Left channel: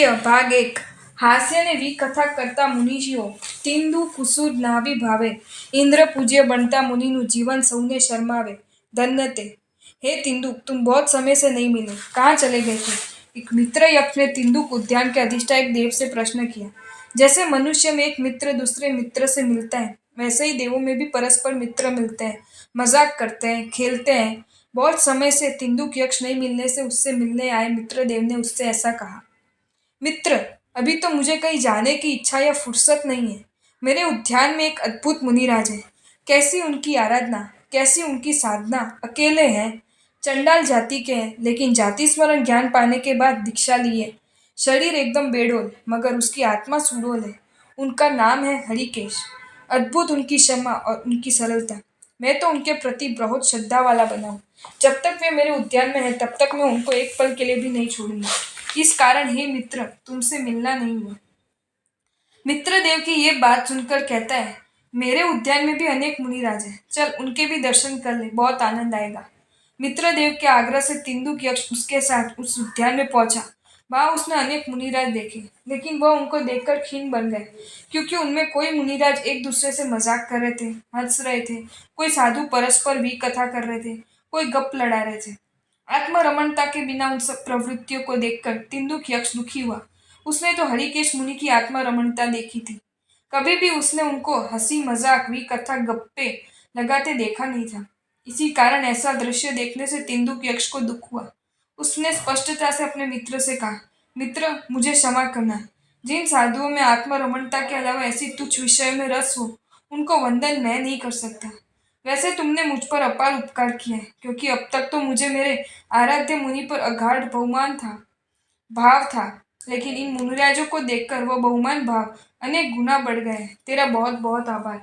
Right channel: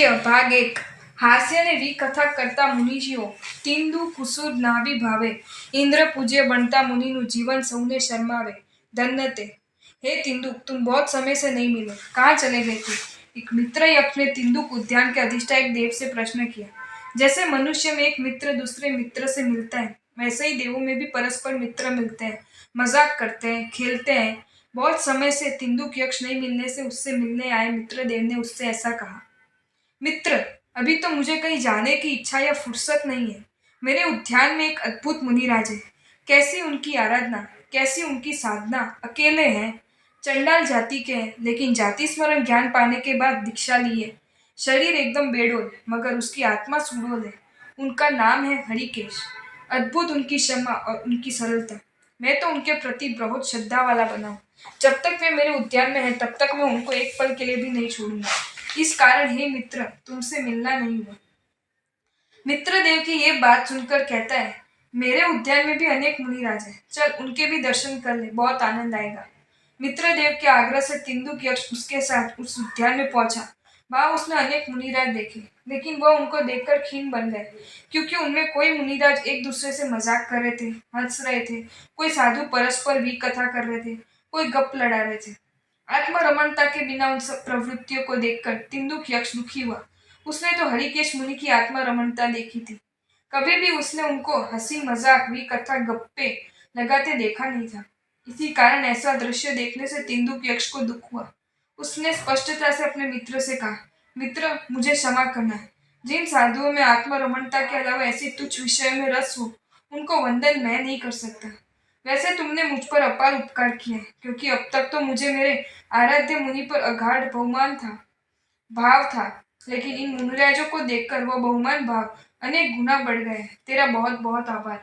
सत्य भाग 1 हास्यને વિકથા કરતા મુનિજીઓ તિંદુ કુસુર નાભિ ભાવે इंद्र पूज्य बनता मुनिनु जीवन सौने शर्मावे धन्य ते। हे तिंदुक तुम बहुत समय से नहीं मिले, कहाँ चले गए थे? एक मित्र यक्ष ने तिंदुक उद्यान के अधिष्ठायक देव से प्रश्न किया। जैसे मनुष्य में एक मित्र दूसरे मित्र से मिलता है, वैसे ही देवों में भी परस्पर मित्र मिलते हैं, मजाक करते हैं, खेलते हैं। बहुत समय से तिंदुक यक्ष नहीं मिलने से उससे मिलने आए मित्र देव ने उससे ऐसा कहा। मित्र, अभी तो मुझे कहीं जाने की इच्छा या फुर्सत नहीं है। मेरे उद्यान में एक अद्भुत मुनिराज है। कैसी उनकी आराधना, कैसी उनकी साधना। अकेले हैं, चंडाल जाति के हैं, लेकिन जाति स्मरण ज्ञान पाने के बाद दीक्षा लिए। शरीर एकदम बेडोल, मगर उसकी आत्मा सुडोल है। उनका नाम है हरिकेश। अद्भुत उनकी क्षमा और उनकी सरलता। मैं तो उनके प्रति बहुत श्रद्धा वाला बना हूँ। जब तक वे मेरे उद्यान में है, तब तक मैं उनको एक पल के लिए भी नहीं छोड़ूंगा। इस कारण हे मित्र, तुमसे मिलना नहीं हुआ। मित्रदेव की ये बात सुनकर कहता है, मेरे उद्यान में भी अनेक मुनिराज हैं, चल उनके भी दर्शन कर ले, बहुत आनंद आएगा। मित्रदेव के आग्रह से तिंदुक यक्ष उसके साथ उस उद्यान में पहुंचा। वहां उसने अनेक मुनिराज देखे, लेकिन वह उनको देखकर खीन बन गए, क्योंकि उनमें कोई मुनिराज एक दूसरे से मजाक कर रहे थे, हंस रहे थे, कोई साधु परस्पर भी कथा कर रहे थे, कोई गप लड़ा रहे थे। आत्मरमणता के बिना उन सब प्रवृत्तियों को देखकर तिंदुक यक्ष दुखी हुआ। उसने तो हरिकेश मुनि की आत्मरमणता देखी थी। कभी भी उसने उनको हंसी मजाक भी कथा गप्पे लगाते देखा नहीं था। इसी कारण ऐसा दृश्य देखने से तिंदुक यक्ष को दुख हुआ। उसने स्पष्टता से अपने मित्र से कहा, मित्र, मुझे क्षमा करना। जिन साधुओं में आत्मरमणता के अलावा ऐसी तुच्छ विषय में रस हो, उनको वंदन मैं नहीं कर सकता। वैसे तुमने मुझ पर अपार उपकार किया है, क्योंकि अब तक तो मुझे मेरे आराध्य मुनि पर अगाध बहुमान था, भाव था, लेकिन इन मुनिराजों को देखकर वो बहुमान भाव अनेक गुना बढ़ गए। तेरा बहुत बहुत आभार।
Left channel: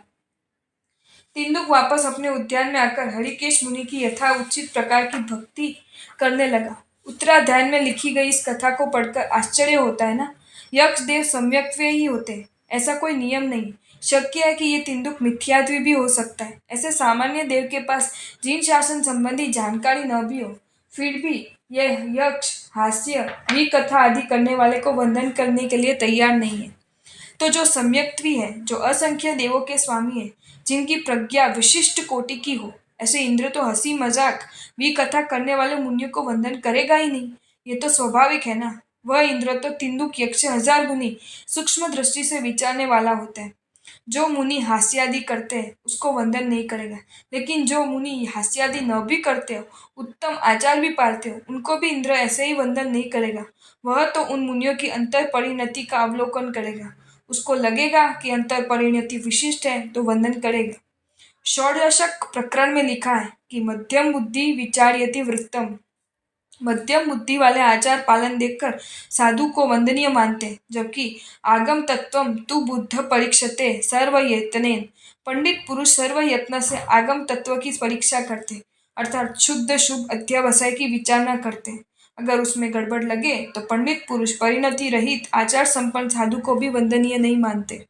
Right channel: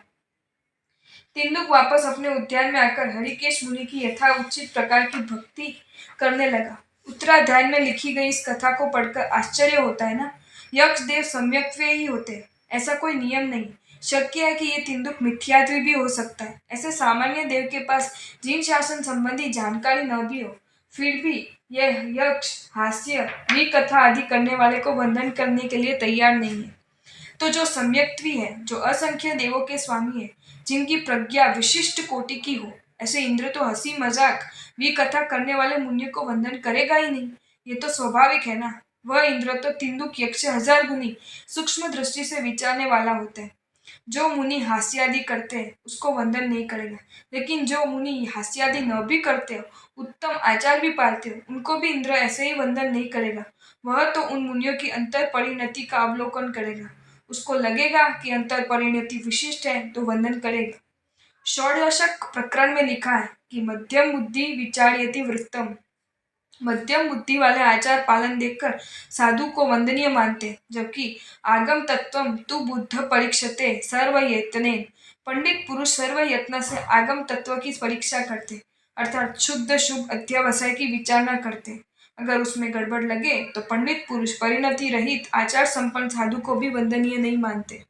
तिंदुक वापस अपने उद्यान में आकर हरिकेश मुनि की यथा उचित प्रकार की भक्ति करने लगा। उत्तराध्याय में लिखी गई इस कथा को पढ़कर आश्चर्य होता है ना। यक्ष देव सम्यक्त्वे ही होते हैं, ऐसा कोई नियम नहीं। शक्य है कि ये तिंदुक मिथ्यात्व भी हो सकता है। ऐसे सामान्य देव के पास जीन शासन संबंधी जानकारी न भी हो, फिर भी यह यक्ष हास्य विकथा आदि करने वाले को वंदन करने के लिए तैयार नहीं है। तो जो सम्यक्त्वी है, जो असंख्य देवों के स्वामी है, जिनकी प्रज्ञा विशिष्ट कोटि की हो, ऐसे इंद्र तो हंसी मजाक विकथा करने वाले मुनियों को वंदन करेगा ही नहीं। ये तो स्वाभाविक है ना। वह इंद्र तो तिंदुक यक्ष 1000 गुनी सूक्ष्म दृष्टि से विचारने वाला होता है। जो मुनि हास्यादि करते हैं उसको वंदन नहीं करेगा, लेकिन जो मुनि हास्यादि न भी करते हो, उत्तम आचार भी पालते हो, उनको भी इंद्र ऐसे ही वंदन नहीं करेगा। वह तो उन मुनियों की अंतर परिणति का अवलोकन करेगा। उसको लगेगा कि अंतर परिणति विशिष्ट है तो वंदन करेगा। षोडशक प्रकरण में लिखा है कि मध्यम बुद्धि विचार्यति वृत्तम। मध्यम बुद्धि वाले आचार पालन देखकर साधु को वंदनीय मानते, जबकि आगम तत्वम तु बुद्ध परीक्षते सर्व यत्नेन। पंडित पुरुष सर्व यत्न से आगम तत्व की परीक्षा करते, अर्थात शुद्ध शुभ अध्यवसाय की विचारणा करते। अगर उसमें गड़बड़ लगे तो पंडित पुरुष परिणति रहित आचार संपन्न साधु को भी वंदनीय नहीं मानते।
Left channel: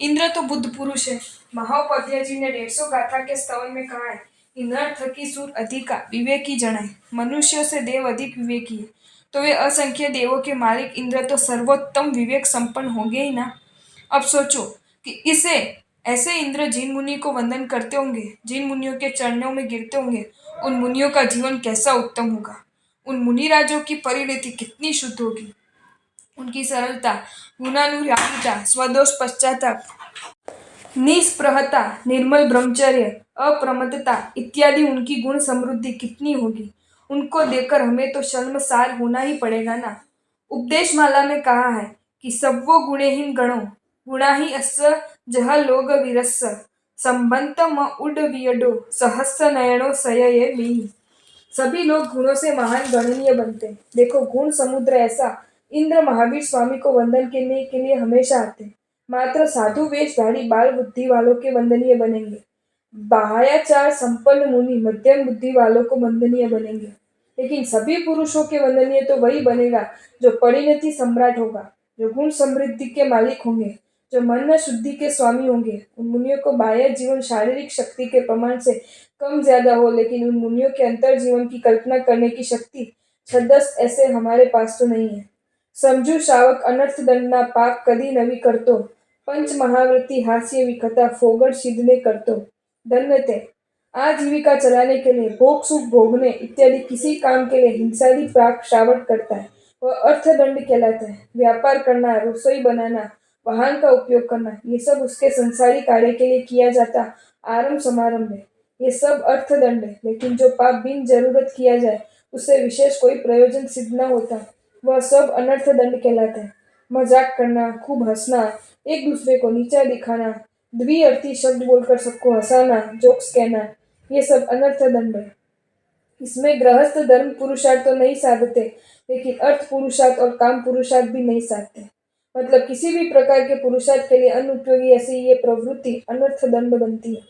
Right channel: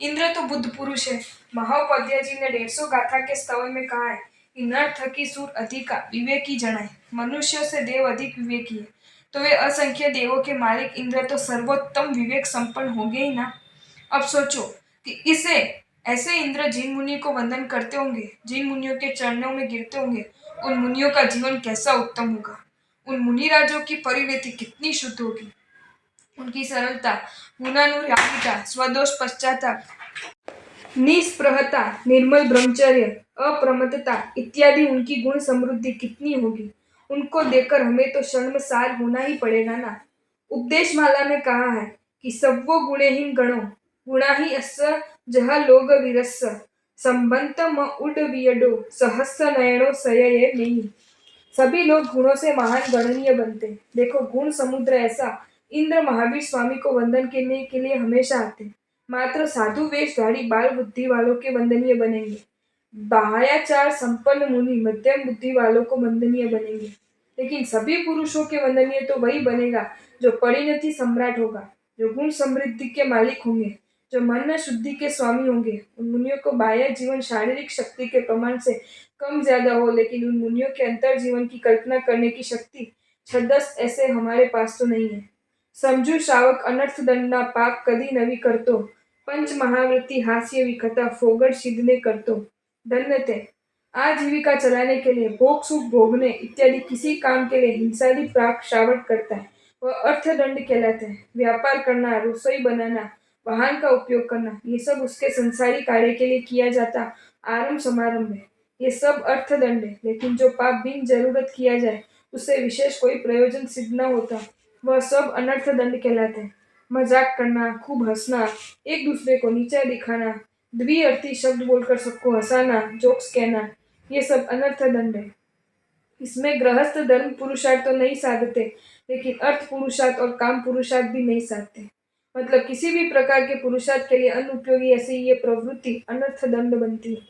इंद्र तो बुद्ध पुरुष है। महाउपाध्याय जी ने 150 गाथा के स्तवन में कहा है कि नर थकी सूर अधिका विवेकी जनाए। मनुष्यों से देव अधिक विवेकी है, तो वे असंख्य देवों के मालिक इंद्र तो सर्वोत्तम विवेक संपन्न होंगे ही ना। अब सोचो कि इसे ऐसे इंद्र जिन मुनि को वंदन करते होंगे, जिन मुनियों के चरणों में गिरते होंगे, उन मुनियों का जीवन कैसा उत्तम होगा। उन मुनिराजों की परिणति कितनी शुद्ध होगी। उनकी सरलता, गुणानुरागिता, स्वदोष पश्चाताप, निस्पृहता, निर्मल ब्रह्मचर्य, अप्रमत्तता इत्यादि उनकी गुण समृद्धि कितनी होगी। उनको देखकर हमें तो शर्मसार होना ही पड़ेगा ना। उपदेश माला में कहा है कि सव्वो गुणेहीन गणो गुणा ही अस्य जह लोग विरस्य संबंत म उड वियडो सहस्र नयनो सये मी। सभी लोग गुणों से महान गणनीय बनते हैं। देखो, गुण समुद्र ऐसा इंद्र महावीर स्वामी को वंदन करने के लिए हमेशा आते हैं। मात्र साधु वेशधारी बाल बुद्धि वालों के वंदनीय बनेंगे। बाह्याचार संपन्न मुनि मध्यम बुद्धि वालों को वंदनीय बनेंगे। लेकिन सभी पुरुषों के वंदनीय तो वही बनेगा जो परिणति सम्राट होगा, जो गुण समृद्धि के मालिक होंगे, जो मन शुद्धि के स्वामी होंगे। उन मुनियों को बाह्य जीवन शारीरिक शक्ति के प्रमाण से कम ज्यादा हो, लेकिन उन मुनियों के अंतर जीवन की कल्पना करने की शक्ति छदस ऐसे हमारे पास तो नहीं है। સમજુ શ્રાવક અનર્થદંડના પાપ કદી નવી કરતો, पंचमहावृत्ति हास्य विकथा फोगड़ सिद्धने कर तो धन्य थे। आजीविका चलाने के लिए भोग सुख भोगने इत्यादि किसी काम के लिए हिंसादि प्राक श्रावक करता है वह अर्थदंड कहलाता है। व्यापार करना, रसोई बनाना, वाहन का उपयोग करना, ये सब उसके संसारी कार्य के लिए किया जाता आरंभ समारंभ है। ये सब अर्थदंड है। लेकिन जो पाप बिन जरूरत किया जाए उससे विशेष कोई प्रयोजन सिद्ध न होता, वह सब अनर्थ दंड कहलाते हैं। मजाक करना, खूब हंसना, एक दूसरे को नीचा दिखाना, द्विअर्थी शब्द बोलकर सबको हंसाना, जोक्स कहना, ये सब अनर्थ दंड है। इसमें गृहस्थ धर्म पुरुषार्थ तो नहीं साधते, लेकिन अर्थ पुरुषार्थ और काम पुरुषार्थ भी नहीं साधते। मतलब किसी भी प्रकार के पुरुषार्थ के लिए अनुपयोगी ऐसी ये प्रवृत्ति अनर्थ दंड बनती है।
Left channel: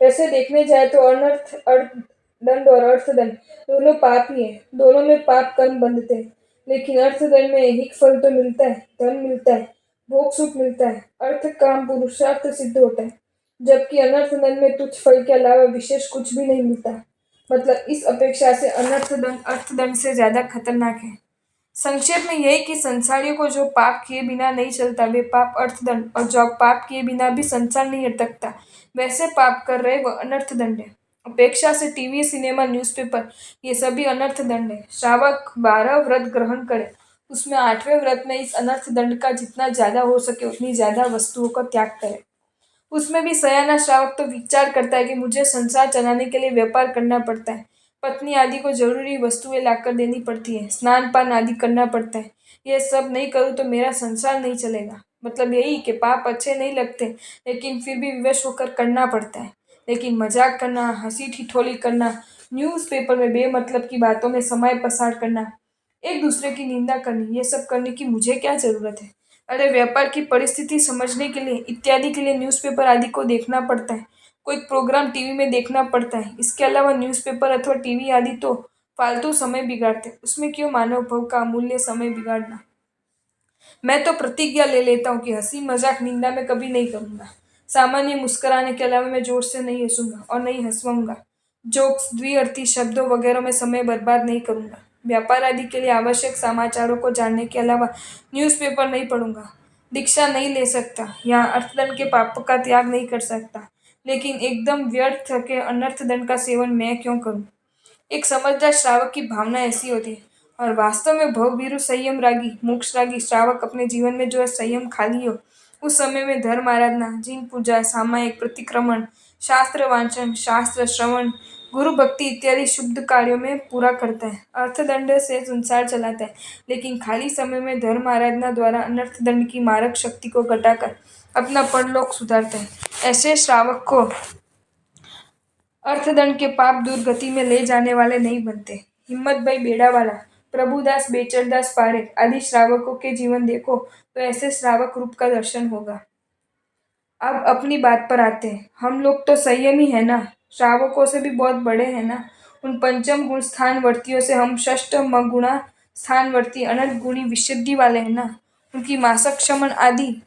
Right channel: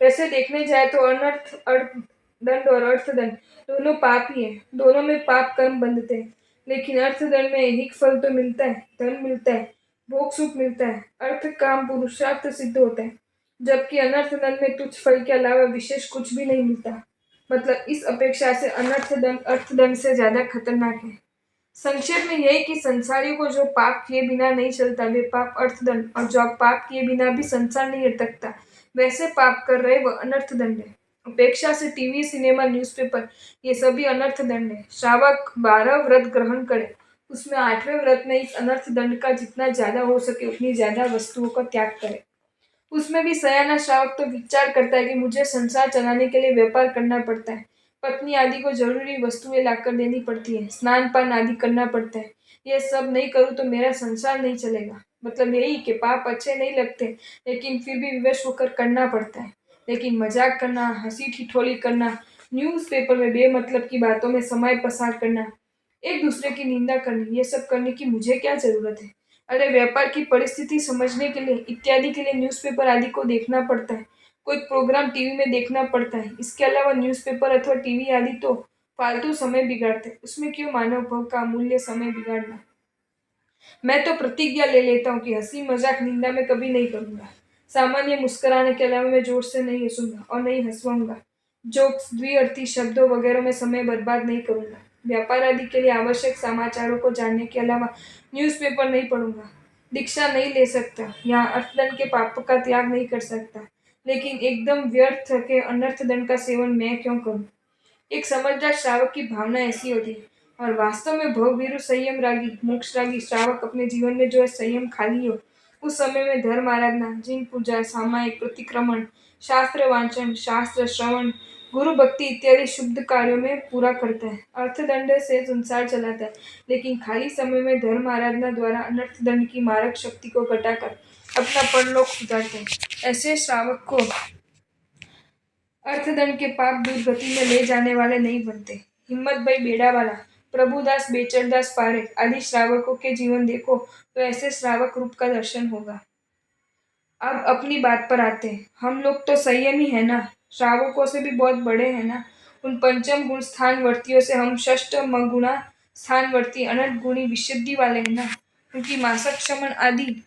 वैसे देखने जाए तो अनर्थ अर्थ दंड और अर्थदंड दोनों पाप ही है। दोनों में पाप कर्म बंधते हैं। लेकिन अर्थदंड में एक फल तो मिलता है, धन मिलता है, भोग सुख मिलता है, अर्थ काम पुरुषार्थ सिद्ध होता है। जबकि अनर्थ दंड में तुच्छ फल के अलावा विशेष कुछ भी नहीं मिलता। मतलब इस अपेक्षा से अनर्थ दंड अर्थदंड से ज्यादा खतरनाक है। संक्षेप में यह कि संसारियों को जो पाप किए बिना नहीं चलता वे पाप अर्थदंड, और जो पाप किए बिना भी संसार नहीं अटकता वैसे पाप कर रहे वह अनर्थ दंड है। अपेक्षा से टीवी, सिनेमा, न्यूज़पेपर ये सभी अनर्थ दंड है। श्रावक 12 व्रत ग्रहण करे, उसमें 8वें व्रत में इस अनर्थ दंड का जितना ज्यादा हो सके उतनी ज्यादा वस्तुओं का त्याग करे। उसमें भी सयाना श्रावक तो विचार करता है कि मुझे संसार चलाने के लिए व्यापार करना पड़ता है, पत्नी आदि को जरूरी वस्तुएं लाकर देनी पड़ती है, स्नान पान आदि करना पड़ता है। ये सब नहीं करूँ तो मेरा संसार नहीं चलेगा। मतलब यही कि पाप अच्छे नहीं लगते, लेकिन फिर भी विवश होकर करना पड़ता है। लेकिन मजाक करना, हंसी ठिठोली करना, न्यूज़पेपर में बेमतलब की बातों में समय पसार करना, एक दूसरे की निंदा करनी, ये सब करने की मुझे क्या जरूरत है। अरे व्यापार की परिस्थिति समझने के लिए इत्यादि के लिए न्यूज़पेपर आदि को देखना पड़ता है, कोई प्रोग्राम टीवी में देखना पड़ता है। इसके अलावा न्यूज़पेपर अथवा टीवी आदि तो फालतू समय बिगाड़ते हैं, उसमें क्यों मानव भव का अमूल्य समय बिगाड़ना। मैं तो प्रतिज्ञा ले लेता हूँ कि हंसी मजाक निंदा में कभी नहीं करूंगा। सामान्य मुस्कुराने के अलावा मैं जोर से नहीं हंसूंगा और नहीं हंसवाऊंगा। जोक्स, द्विअर्थी शब्दों वगैरह में समय बर्बाद नहीं करूंगा। व्यापार आदि के लिए आवश्यक समाचारों को जानने के अलावा न्यूज़पेपर नहीं पढ़ूंगा। दीक्षा नहीं ले सकता, यहाँ अर्थदंड के पापों का त्याग नहीं कर सकता। लेकिन एकदम व्यर्थ के अनर्थदंड का सेवन मैं क्यों करूं। एक समझदार श्रावक की भावना ऐसी होती है। और वास्तव में भवभीरु संयम रागी मोक्ष रागी श्रावक अपने जीवन में जो है संयम खाली हो उस समय में धर्म आराधना, जिन पूजा, सामायिक प्रतिक्रमण, शास्त्र वांचन, शास्त्र श्रवण, गुरु भक्ति इत्यादि शुद्ध कार्यों में पूरा करता है। अर्थदंड से संसार चलाता है, लेकिन खाली समय में धर्म आराधना द्वारा अनर्थदंड की मारक शक्ति को घटाकर अपना परलोक सुधारता है। ऐसे श्रावक को अर्थदंड के पाप दूर गति में ले जाने वाले नहीं बनते। हिम्मत भाई बेड़ावाला, प्रभुदास, बेचरदास पारेख आदि श्रावकों के जीवन देखो तो ऐसे श्रावक रूप का दर्शन होगा। अब अपनी बात पर आते हैं। हम लोग तो संयमी है ना, श्रावकों से भी बहुत बड़े हैं ना। उन पंचम गुण स्थानवर्तियों से हम षष्टम गुणा स्थानवर्ती अनंत गुणी विशुद्धि वाले हैं ना। उनकी मासक क्षमन आदि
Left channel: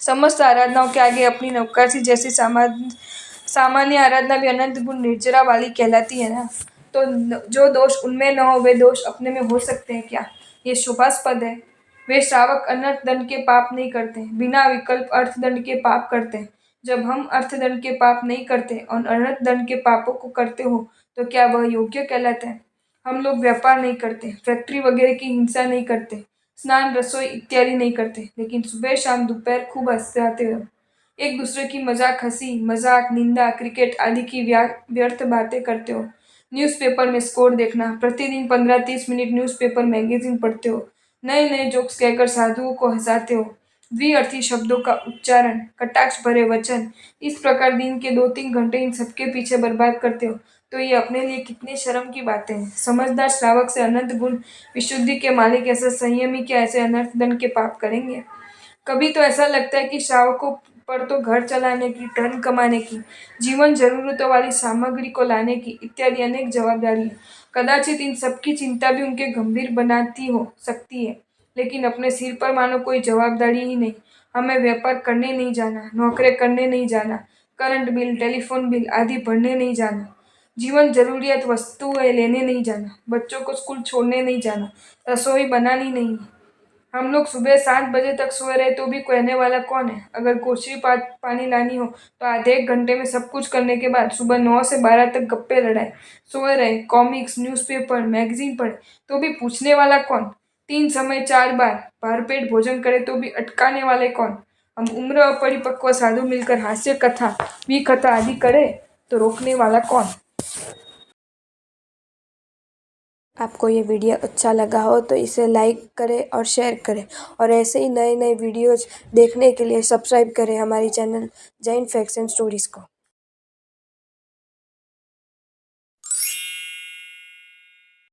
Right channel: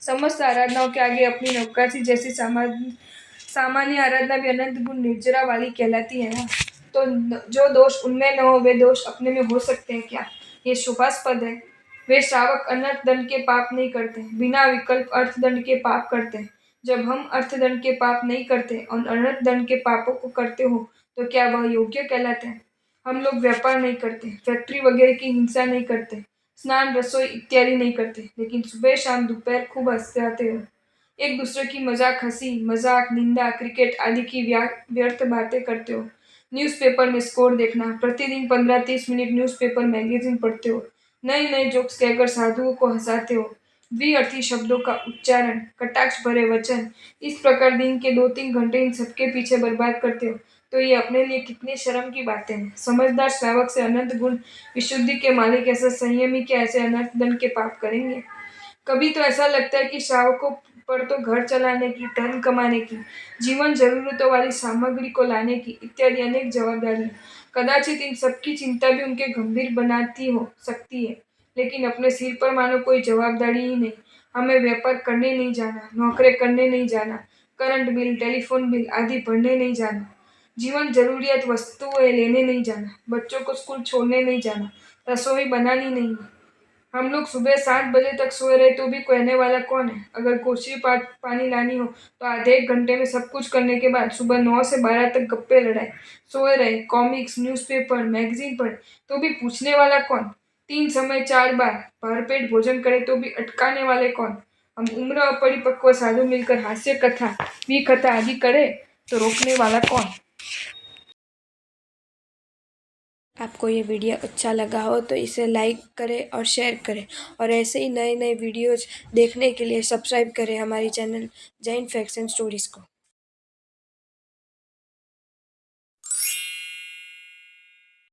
समस्त आराधनाओं के आगे अपनी नौकरसी जैसी सामान्य आराधना भी अनंत गुण निर्जरा वाली कहलाती है ना। तो जो दोष उनमें न हो वे दोष अपने में हो सकते हैं क्या। ये शुभास्पद है। वे श्रावक अनर्थ दंड के पाप नहीं करते, बिना विकल्प अर्थदंड के पाप करते हैं। जब हम अर्थदंड के पाप नहीं करते और अनर्थ दंड के पापों को करते हो तो क्या वह योग्य कहलाता है। हम लोग व्यापार नहीं करते, फैक्ट्री वगैरह की हिंसा नहीं करते, स्नान, रसोई इत्यादि नहीं करते, लेकिन सुबह शाम दोपहर खूब हंसते हो। एक दूसरे की मजाक, हंसी मजाक, निंदा, क्रिकेट आदि की व्यर्थ बातें करते हो। न्यूज़पेपर में स्कोर देखना, प्रतिदिन 15-30 मिनट न्यूज़पेपर मैगजीन पढ़ते हो। नए नए जोक्स कहकर साधुओं को हंसाते हो। द्विअर्थी शब्दों का उच्चारण, कटाक्ष भरे वचन, इस प्रकार दिन के 2-3 घंटे इन सबके पीछे बर्बाद करते हो। तो ये अपने लिए कितनी शर्म की बातें हैं। समझदार श्रावक से अनंत गुण विशुद्धि के मालिक ऐसे संयमी के ऐसे अनर्थ दंड के पाप करेंगे। कभी तो ऐसा लगता है कि श्रावकों पर तो घर चलाने की, धन कमाने की, जीवन जरूरतों वाली सामग्री को लाने की इत्यादि अनेक जवाबदारी है। कदाचित इन सबकी चिंता भी उनके गंभीर बनाती हो सकती है, लेकिन अपने सिर पर मानो कोई जवाबदारी ही नहीं। हमें व्यापार करने नहीं जाना, नौकरी करने नहीं जाना, करंट बिल, टेलीफोन बिल आदि भरने नहीं जाना, जीवन जरूरियात वस्तुएं लेने नहीं जाना, बच्चों को स्कूल छोड़ने नहीं जाना, रसोई बनानी नहीं, हम लोग सुबह 7 बजे तक सोए रहे तो भी कहने वाला कौन है? अगर कोसी पानी लानी हो तो आधे एक घंटे में सब कुछ करने के बाद सुबह 9 से 12 तक गप्पे लड़ाए, सोए रहे, कॉमिक्स, न्यूज़पेपर, मैगजीन पढ़े तो भी पूछने वाला कौन? 3 समय 4 बार भरपेट भोजन करे तो भी अटकाने वाले कौन? हम उम्र और परिपक्व साधु मिलकर हास्य कथा, विकथा आदि करे तो रोकने वाला कौन? आपको ये वीडियो अच्छा लगा हो तो इसे लाइक करें और शेयर करें और ऐसे ही नए नए वीडियोज़ देखने के लिए सब्सक्राइब करें हमारी channel Jain facts and stories को।